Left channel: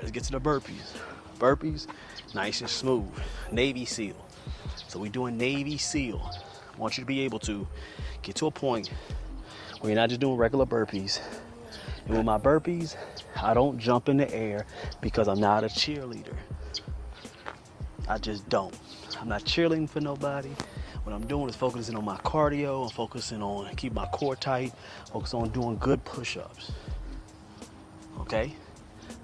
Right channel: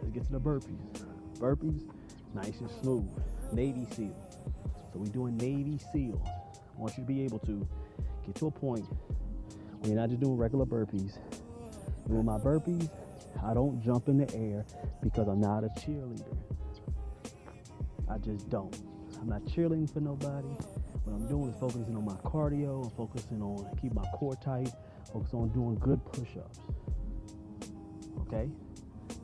right, let's get to the burpees. Burpees, nice and smooth. Navy SEAL. So we're doing Navy SEAL. I want you to be able to get to a point where you're not just doing regular burpees. And with my burpees, I don't jump in the air because I'm not a cheerleader. I just don't. I'm not cheerleading for nobody. What I'm doing is focusing on my cardio. I'm focusing on keep my core tight. Focus on doing good push-ups. Okay?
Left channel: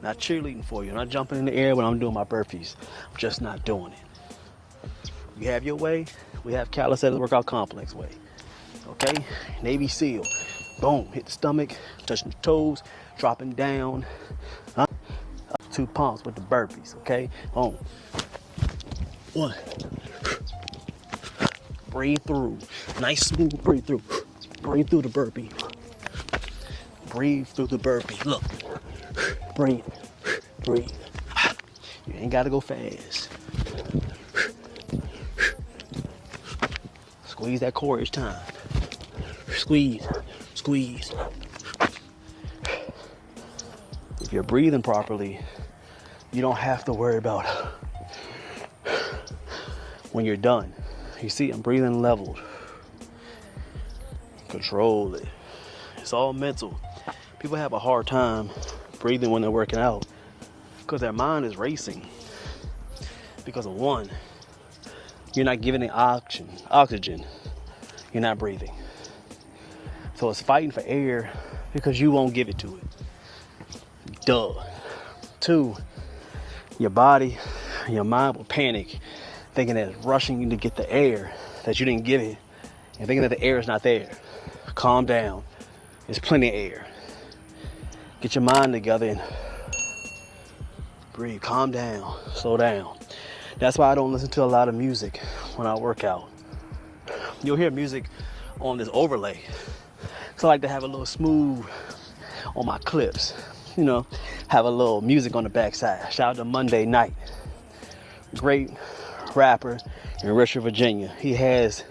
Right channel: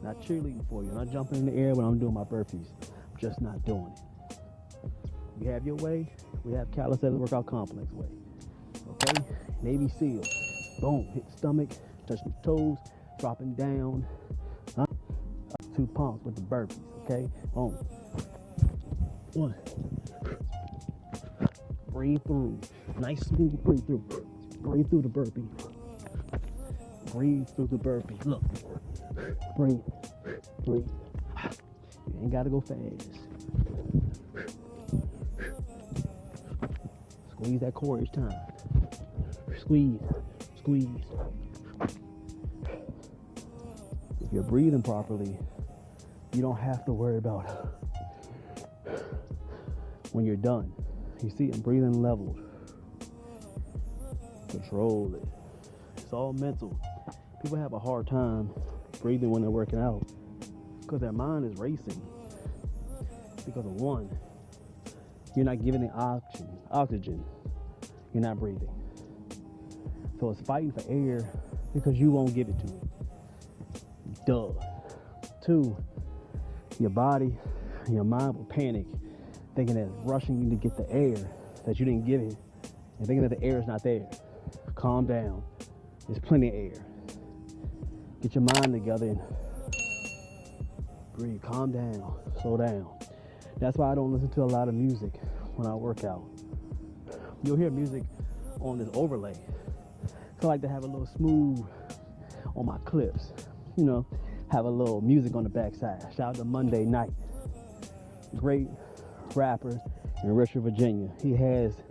Not cheerleading for you. I'm not jumping in the air when I'm doing my burpees. I'm just not doing it. You have your way. We have Calisthenics Workout Complex way. Okay? Navy SEAL. Boom. Hit the stomach. Touching the toes. Dropping down. Up 2 pumps with the burpees. Okay? Boom. 1. Breathe through. Nice smooth breathe through. Breathe through the burpee. Breathe through the burpee. Look. Breathe. Breathe. You ain't gotta go fast. Squeeze that core each time. Squeeze. Squeeze. If you're breathing properly, you don't have to worry about when you're done. You see, I'm breathing leveled. Control it. It's all mental. People have a hard time breathing when they're working out because their mind is racing. Because of one, you're not giving it oxygen. You're not breathing. So it's fighting for air because you won't give it to it. Duh. 2, your body, your mind will panic, thinking that it's rushing you to get the air that you didn't give it, and thinking that the air is not there. Calm down. There's plenty of air. Get your mind together and breathe. Calm down. Slow down. That's why I don't listen to a lot of music when I work out. You'll hear music on this overlay. So I like to have a little smooth on my clips. You know, have a little music on the backside. Shout out to Monday Night. Great rapper in Richmond, Virginia. He has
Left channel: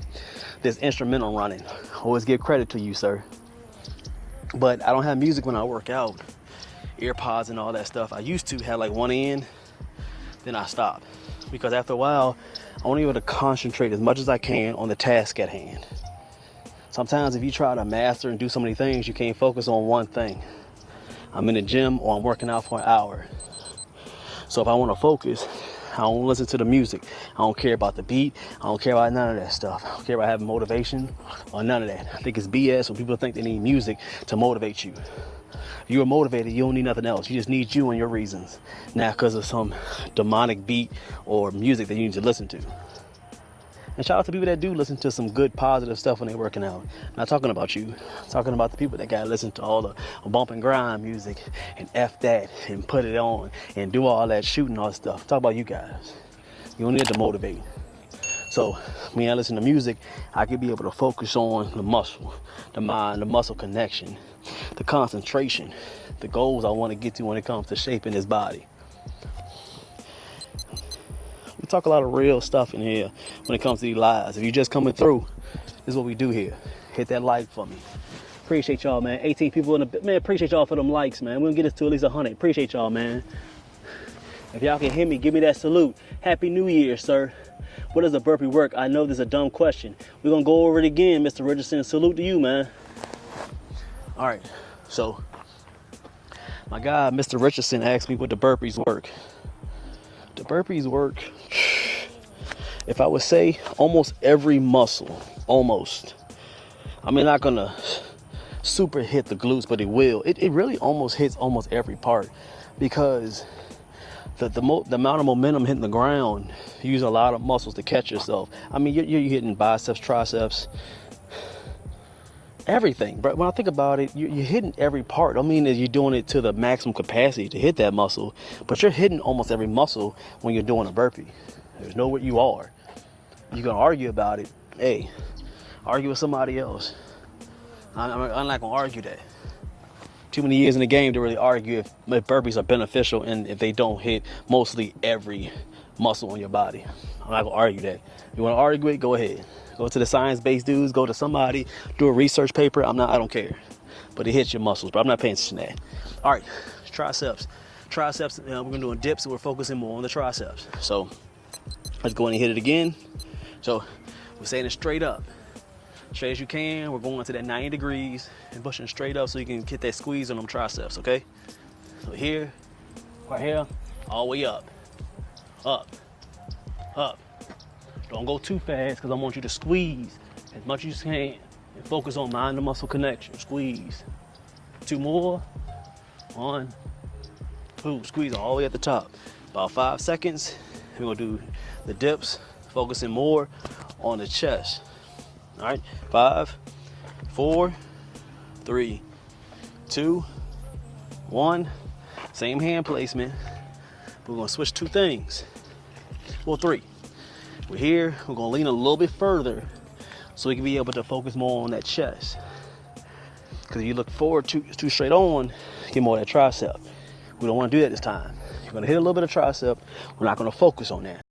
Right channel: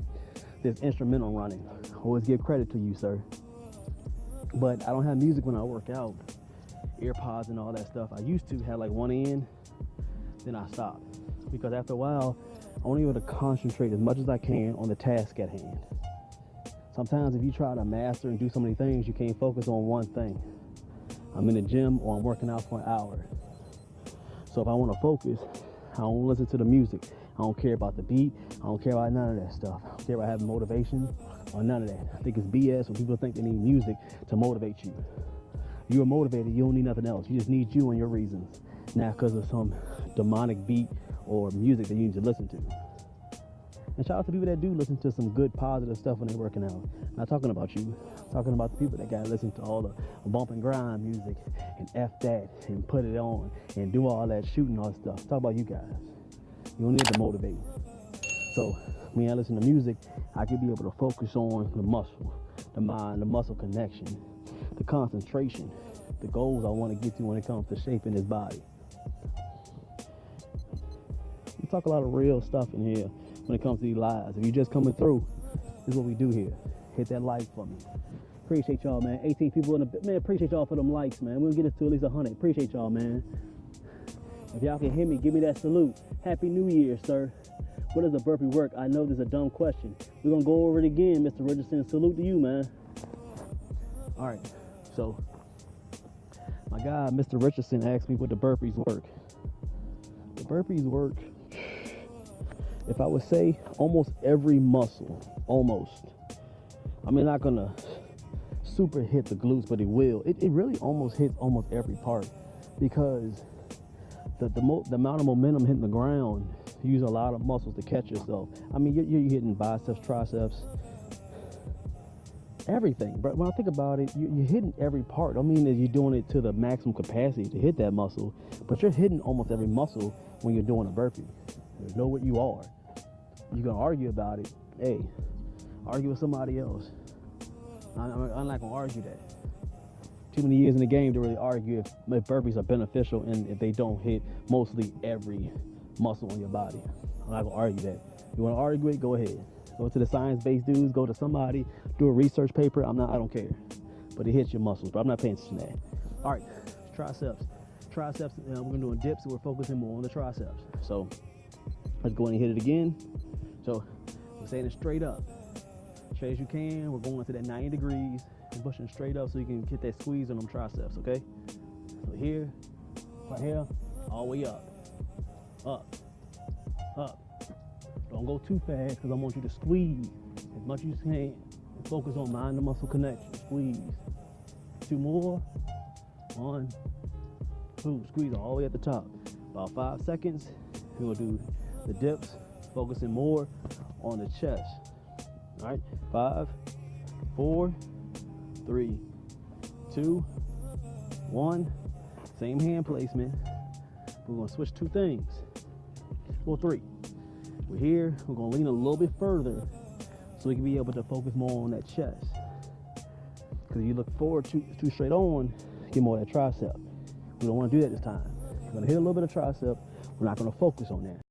this instrumental running. Always give credit to you, sir. But I don't have music when I work out. Earpods and all that stuff. I used to have like one in, then I stopped. Because after a while, I'm only able to concentrate as much as I can on the task at hand. Sometimes if you try to master and do so many things, you can't focus on one thing. I'm in the gym or I'm working out for an hour. So if I want to focus, I don't listen to the music. I don't care about the beat. I don't care about none of that stuff. I don't care about having motivation or none of that. I think it's BS when people think they need music to motivate you. If you're motivated, you don't need nothing else. You just need you and your reasons. Not because of some demonic beat or music that you need to listen to. And shout out to people that do listen to some good positive stuff when they're working out. I'm not talking about you. I'm talking about the people that gotta listen to all the bump and grind music and F that and put it on and do all that shooting all that stuff. Talk about you guys. You don't need to motivate. So when I listen to music, I can be able to focus on the muscle, the mind, the muscle connection, the concentration, the goals I want to get to when it comes to shaping this body. We talk a lot of real stuff in here when it comes to these lives. If you're just coming through, this is what we do here. Hit that like for me. Appreciate y'all, man. 18 people in the man. Appreciate y'all for them likes, man. We're gonna get this to at least 100. Appreciate y'all, man. If y'all can hear me, give me that salute. Happy New Year, sir. What does a burpee work? I know this is a dumb question. We're gonna go over it again, Mr. Richardson. Salute to you, man. All right, so my guy, Mr. Richardson, asked me what the burpees work. The burpees work, if I would say, almost every muscle, almost. I mean, not gonna super hit the glutes, but it will. It really almost hits almost every part because the amount of momentum hitting the ground, you use a lot of muscles to catch yourself. I mean, you're hitting biceps, triceps, everything. But when I think about it, you're hitting every part. I mean, you're doing it to the maximum capacity to hit that muscle, but you're hitting almost every muscle when you're doing a burpee. There's no what you are. You're gonna argue about it. Hey, argue with somebody else. I'm not gonna argue that. Too many years in the game to really argue if burpees are beneficial and if they don't hit mostly every muscle on your body. I'm not gonna argue that. You wanna argue it, go ahead. Go to the science-based dudes, go to somebody, do a research paper. I don't care. But it hits your muscles, but I'm not paying attention to that. All right, triceps. triceps, we're gonna do dips, and we're focusing more on the triceps. So let's go in and hit it again. So we're saying it straight up, straight as you can. We're going to that 90 degrees and pushing straight up so you can get that squeeze on them triceps, okay? So here, right here, all the way up, up, up. Don't go too fast because I want you to squeeze as much as you can and focus on mind to muscle connection. Squeeze. 2 more. 1, 2. Squeeze all the way at the top. About 5 seconds. We're gonna do the dips, focusing more on the chest. All right, 5, 4, 3, 2, 1. Same hand placement. We're gonna switch 2 things. Well, 3. We're here, we're gonna lean a little bit further so we can be able to focus more on that chest. Because if you look forward too straight on, you get more of that tricep. We don't wanna do that this time. You're gonna hit a little bit of tricep, we're not gonna focus on that.